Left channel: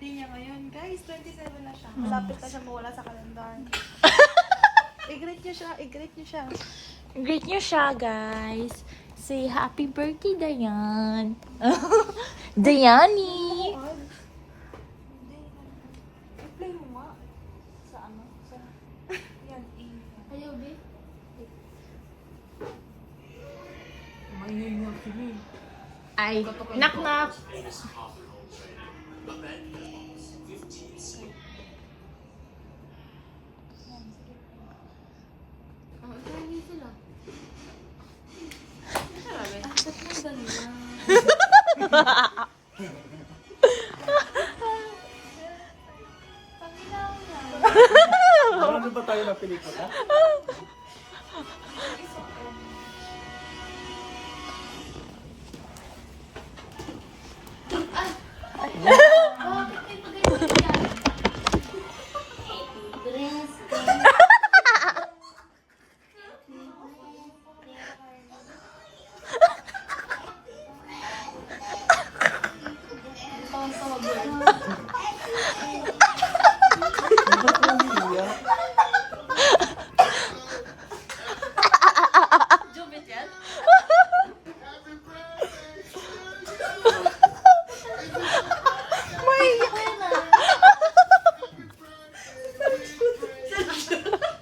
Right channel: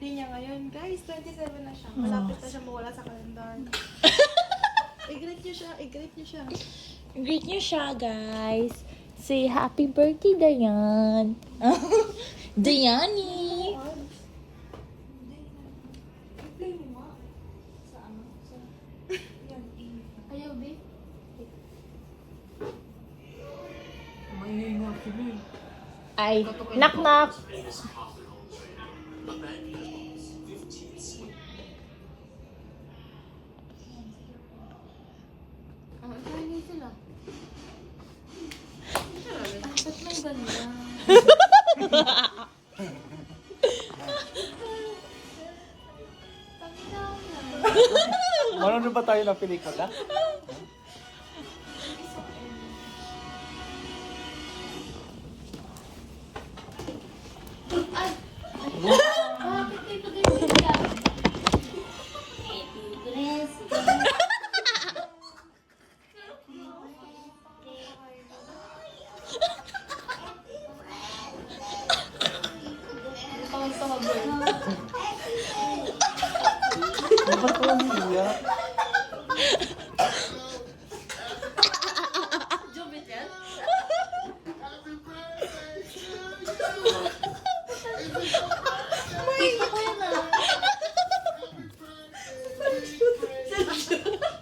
birthday niya ngayon. Guys, 27 na siya. Malapit na siya mawala sa kalendar. I-greet niyo siya, i-greet niyo siya. Greet niyo siya, guys. Say happy birthday, Dayan. Dayani. I-play mo nga. Sa ano? Sa... Ayaw, babe. Maingay sila eh. Ay, knock-knock. Ay, sila. Ba't nang ganyan? Marami ba tayo ng pelikula? Ba't ko umiiyak?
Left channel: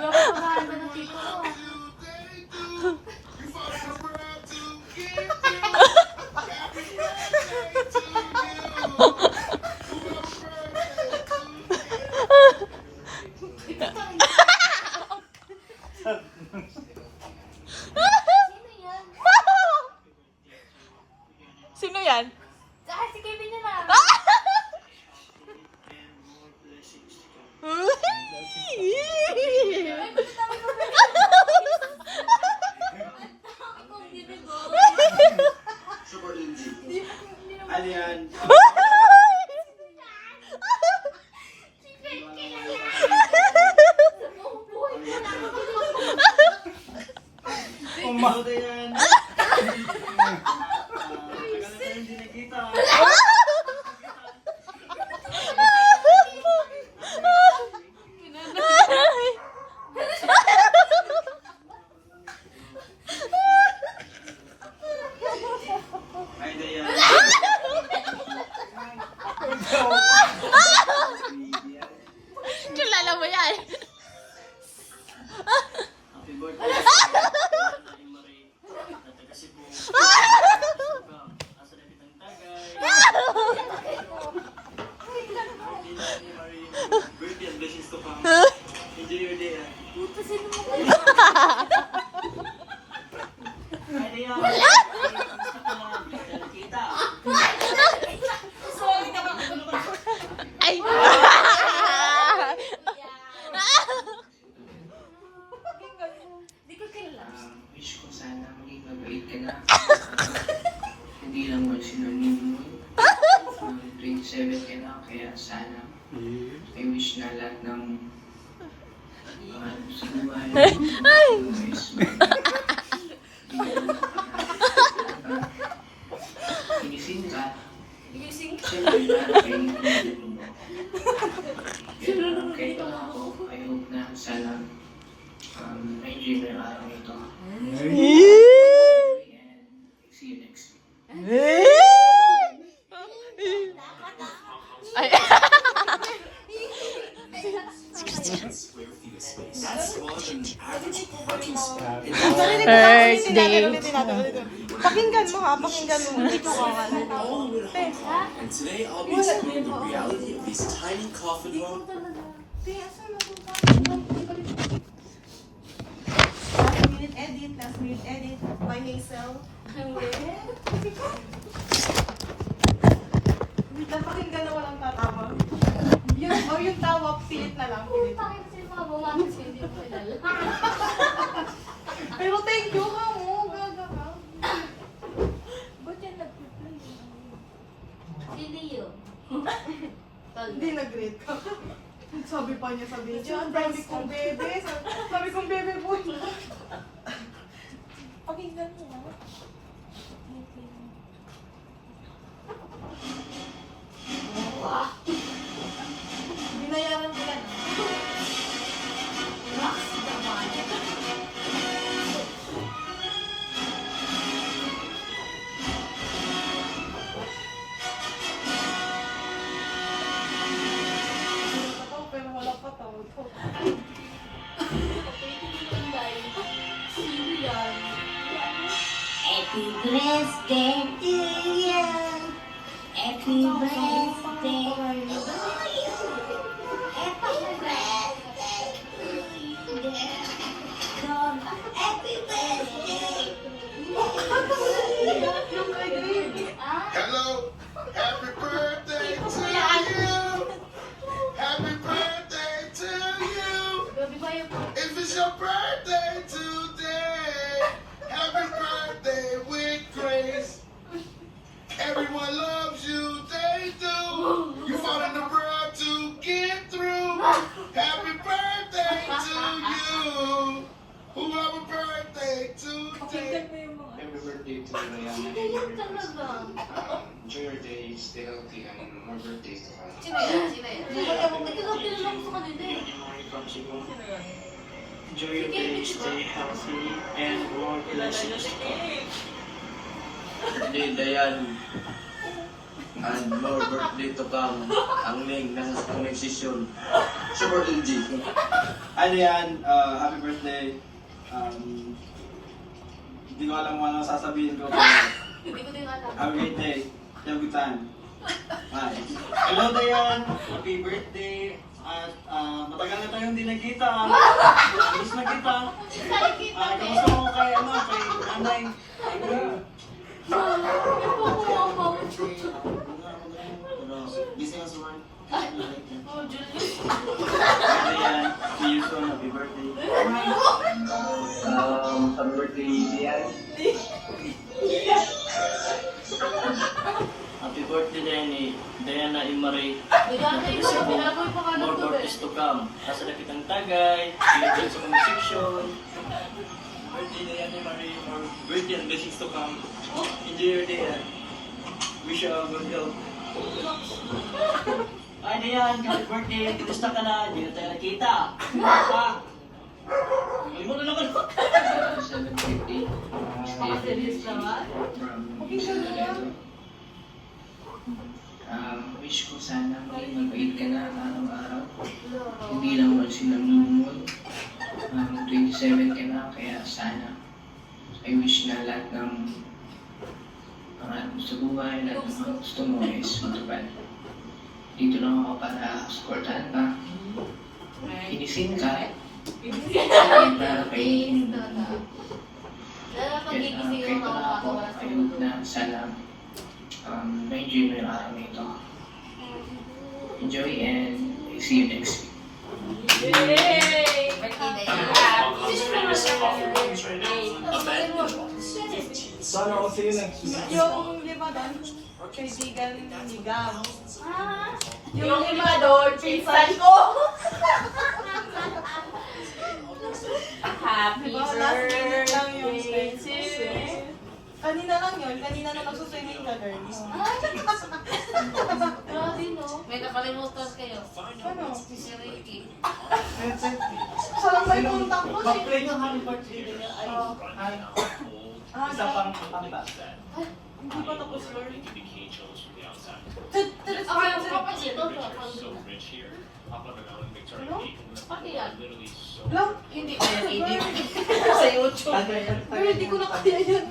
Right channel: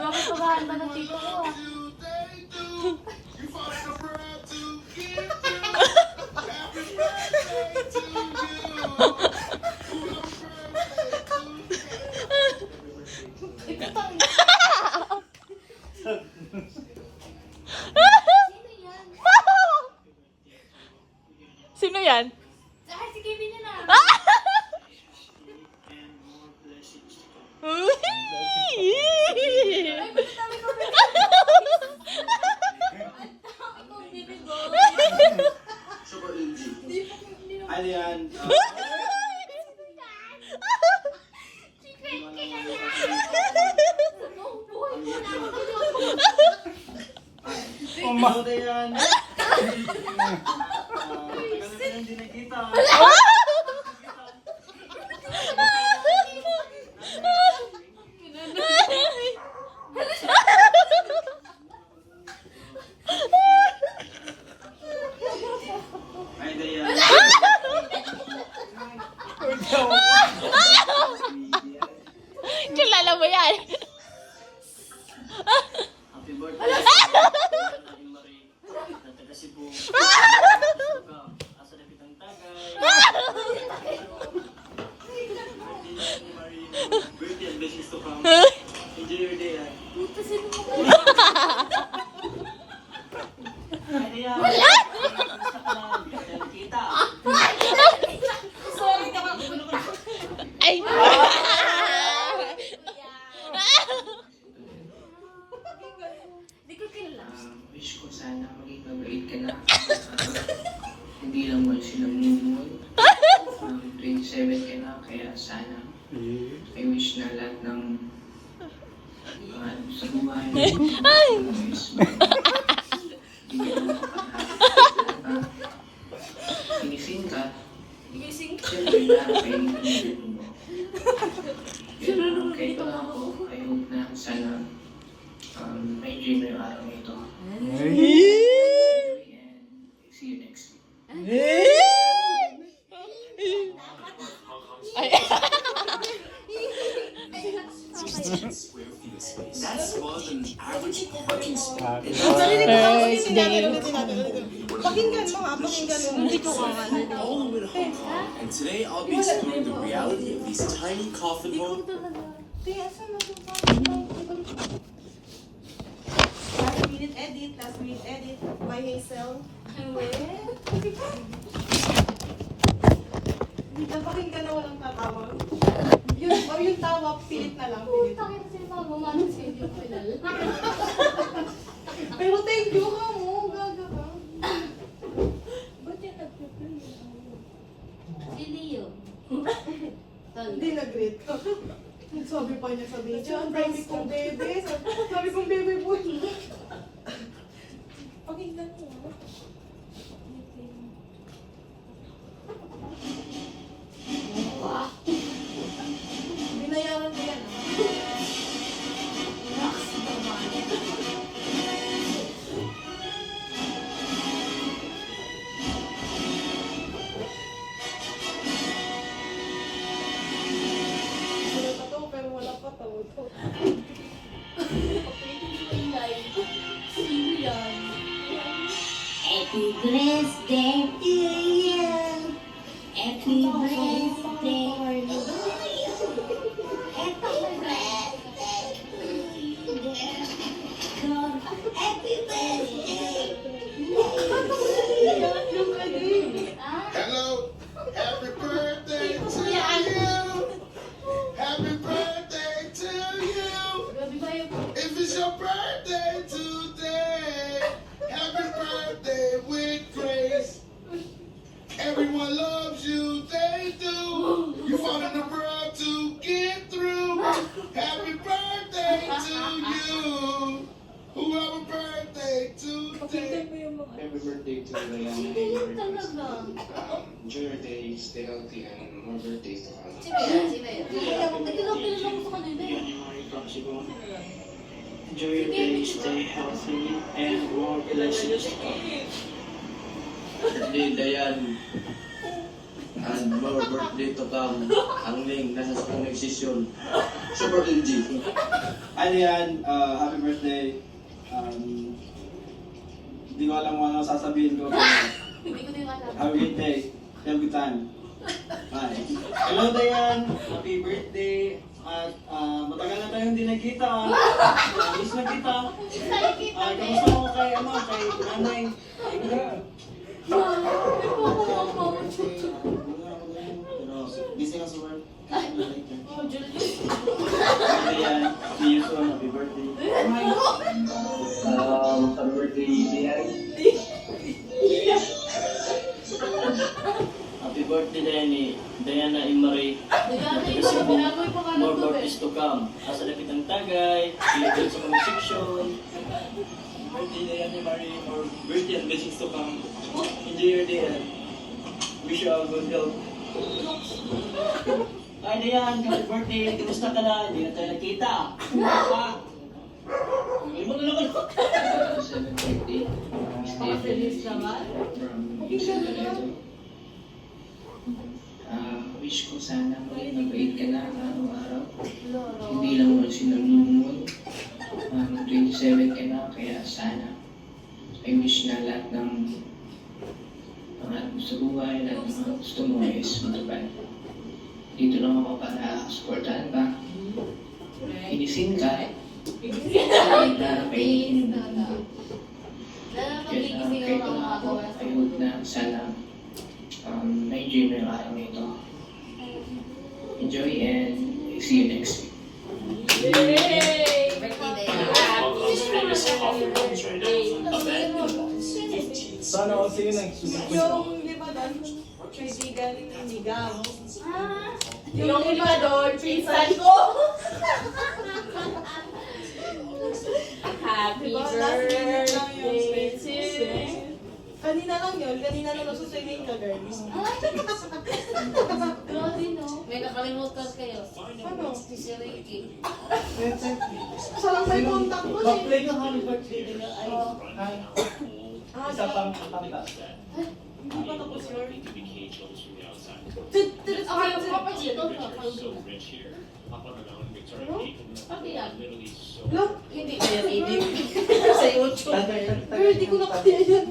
Grabe paghahanda ng tito ko ah. Sino yan? Saka si Kevin yun ah. Ano yan? Umahda yan. Hindi nakita. Ay, Dayan. Kilala mo yan? Happy birthday. Happy Marie. Nataga Cebu. Asa na kitang tagay. Birthday and blessings to come. Enjoy your day. Puta, sino mo kayo? Ay, Dayan. Kamusta ka na? Hindi ka nakita. Sorry ka ba? Ay! Di ko kilala. Wish ko sana maging mabait ka na. Hindi lang mo sinunod. 27 ka na, kaya sana I wish na lahat ng mahal sa buhay. Wish mo. Bigyan mo ka na. Ginising ka. Siyempre lahat kayo nilagyan mo. Kahit wala ako, I hope na sana na-enjoy mo yung araw nito. And see you next week. Ay! Birthday! Pakinggan mo ha, pakinggan mo. Hindi ko And today I'll be exploring the reality of these tiny coffin homes. Last minute edit by Hazel. Napakinggan na walang tatawag. Yung tawag, pilit na lang. Pilit. Bakit kasi mga bumangon siya hindi ko kilala? Pero thank you ka mo. Gaga ka. Ba't yan nag-play? Si Leo. Hindi nag-greet ka. Sabi pa niya sa video, ang dami kong bebe. Sabi kong bebe boy. Pakinggan mo. Wow. Happy birthday to you. Happy birthday to you. Happy birthday to you. Happy birthday. Hello, happy birthday to you. Happy birthday to you. If it's your birthday today, happy birthday with grace. Everyone loves you, they do. You want the world to get through. Happy birthday to you. Who have a birthday today? Happy birthday to Ryan. Enjoy your day, stay healthy, and more birthdays to come. Enjoy your day, stay healthy, and more blessings to come. Hindi, Dayan. And more birthday to come. Ang Ling, nasa sa session. Super LG. Ano yan, happy birthday. Hindi ko alam kung ano sasabihin ko. Pero have a great day. Have a good time. Bye. Hello, Dayan. Happy birthday. At matagal na tayong hindi nagkita. Miss na kita. Kamusta mo kay, kay nanay? Busy ka sa work? Dayan, see you soon. Happy birthday. Happy birthday, Dayan. Happy birthday, Danny. Diana Imari. More birthdays to come. Asa na kitang tagay. Ilagay sa mga section. Birthday, Diana Imari. More birthday and blessings to come. Enjoy your day. Wish you a good health. Ay, Diane, happy birthday. Kumusta ka na? Hindi ka tayo nakita. Malimutan na ka. Celebrate wish ko sana maging mabait ka na araw-araw. Hindi lang wala silang nunod. 27 ka na, kaya sana I wish na lahat ng mga gusto buhay, lahat ng mga gusto mo is matupad. Dito lang ako para supportahan ka. Inisin ka eh. Kahit na kainin. Kahit na ako, I hope na sana na-enjoy mo yung araw nito. Enjoy and see you next week. Sana ako sa'yo nagsusunod. Yung limador, kaibigan ni Gam. Yung limador, pinsan ko. Happy Diba, last minute lang yung expensive. Kanina lang yun, kanina na magsuswimming ka, girls. Grabe, no? May nakalimutan kayo. Ano? Si Ricky. Siya lang may contact ko eh. Mag-play ng happy birthday nila. Isa pang kanta. Hindi pa tapos yun. Papa dito. Ano? Pati yan. Lang, Hindi. sa YouTube. Pero hindi ko na kaya yan.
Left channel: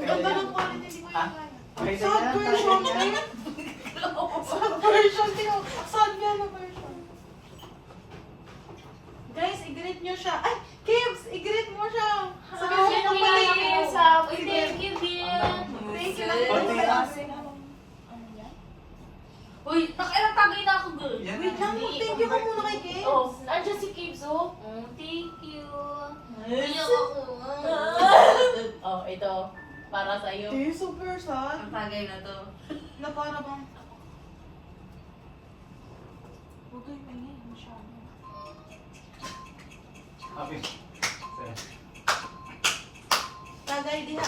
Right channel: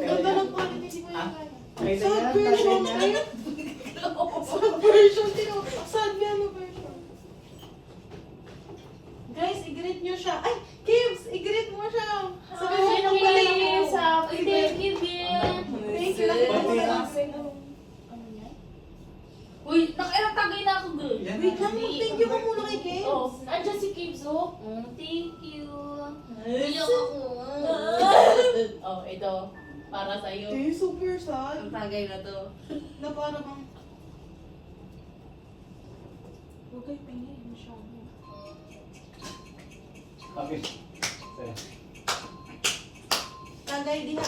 Ganda lang po, hindi ko yan kaya. Sad version, eh. Sad version, sad piano version. Guys, i-greet nyo siya. Ay, Kibbs, i-greet mo siya. Sabihin ng paligid. Thank you, Bill. Thank you. Uy, tagay na ako, girl. Wait lang, mag-thank you ka muna kay Kibbs. Oh, nandiyan si Kibbs, oh. Thank you. Iyak ako. Oh, ito. Para sa iyo. Eh, super sad. Ang tagay na to. Na para bang... Huwag kayo pahingay, masyado. Okay. Tagay diha.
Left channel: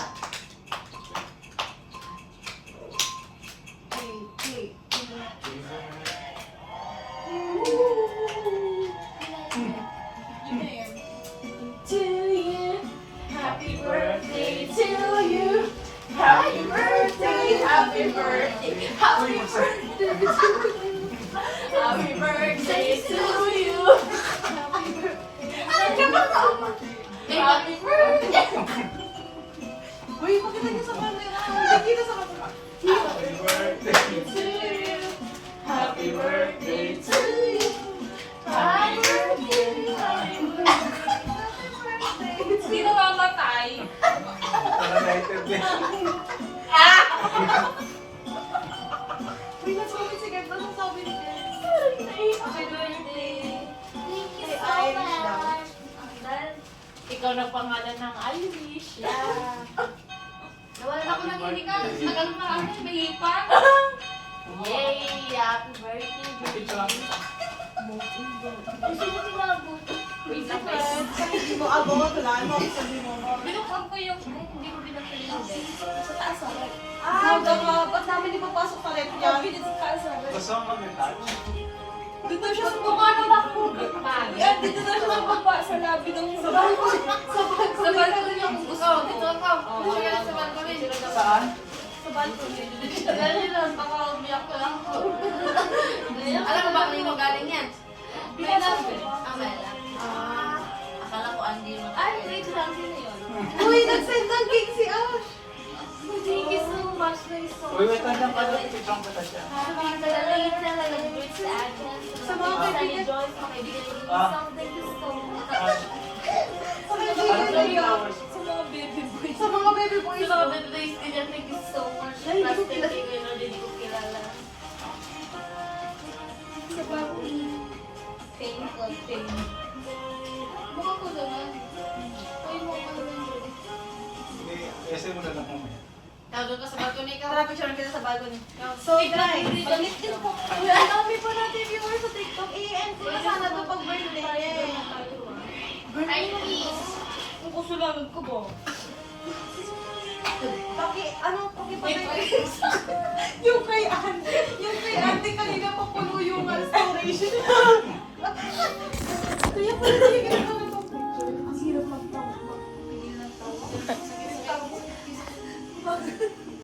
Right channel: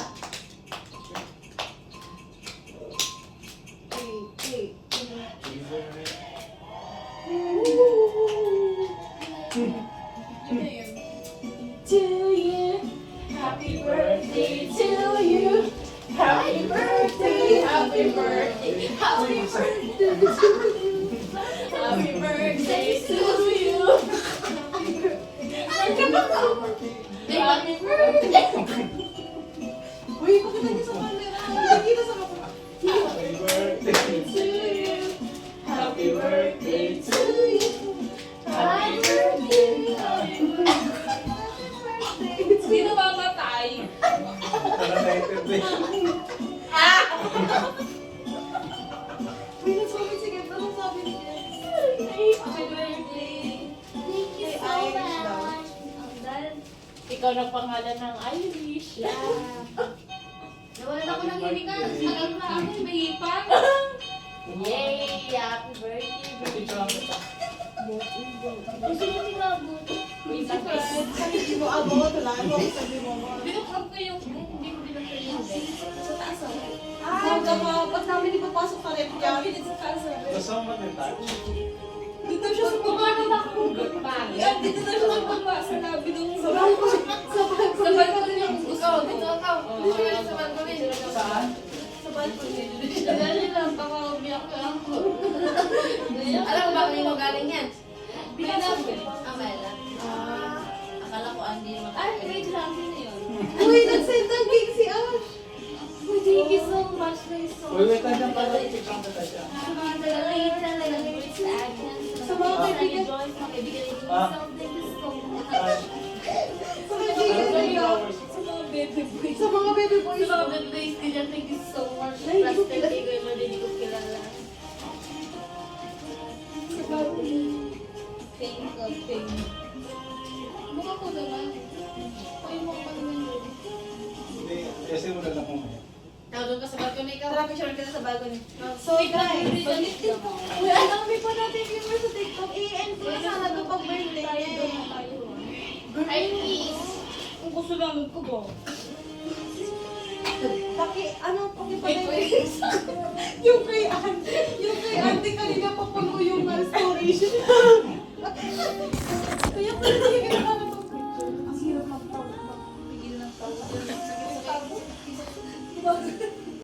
Wait. To you, happy birthday to you. Happy birthday, happy birthday, happy birthday to you. Happy birthday to you. birthday to you. Happy birthday, happy birthday. Sino mamatay? May nasabi si Gert, anong sabi ni Gert? Happy birthday. Thank you Kay so Irish daw. much. Dahil Ikaw ng pangalan ng Irish. nawalan ako ng hinikan. Nagano na ako, may hipan. Yay! Happy birthday! Gusto mo sumabot. Wait lang, Hindi mo abot, wala mo ako sabi mo. Binukhan ko yung, ay, hindi ko binukhan yung bed. Sa taas ako. Pag namin di papasok pa rin yan. Sa taas ako. Gusto mo mag-touch? Dito siya sa mukha ng bakong pagi. Dito na siya ng baba sa labi ng sa balkon. Sa balkon yung gusto. Dito ka. Dito siya sa balkon. Saan? Sa balkon. Dali lang, baka umiyak ka lang. Alam mo ba kung mo galing yan? May lang. May lang. Akala ko Andy mo. Ay, wait lang. Sino yun? Uy, nag-send ng cake si Ash. Thank you so much. Thank you so Uy, much. wait lang pala. Picture ko ta siya. Sa mga malalaking na language sa akin. Sa mga kaibigan. Joyce, mga kaibigan ni Ah. something so much. Sa kaibigan Ano niya. flowers? Sa mga baby boys. Sa mga baby boys. Sa mga baby boys ko dyan, thank you so much. Trust thank you, Lord, hindi ko kilala. Sa bago thank God, thank you. Mukha ko naman. Ay, mukha ko naman yun. Hindi, essay mo na lang kumaya. Doon ka sa balcony ka. Tara, picture kita sa balcony. So, guys, Pag-listin po. alam mo pa natin viewers sa TikTok. I-end na sana ito pag birthday. Ay, please. Kung gusto lang ko ba? Ano, pakipatay yung kay Andy. Yung kay Andy kanina papuno yung storage. Kaya pala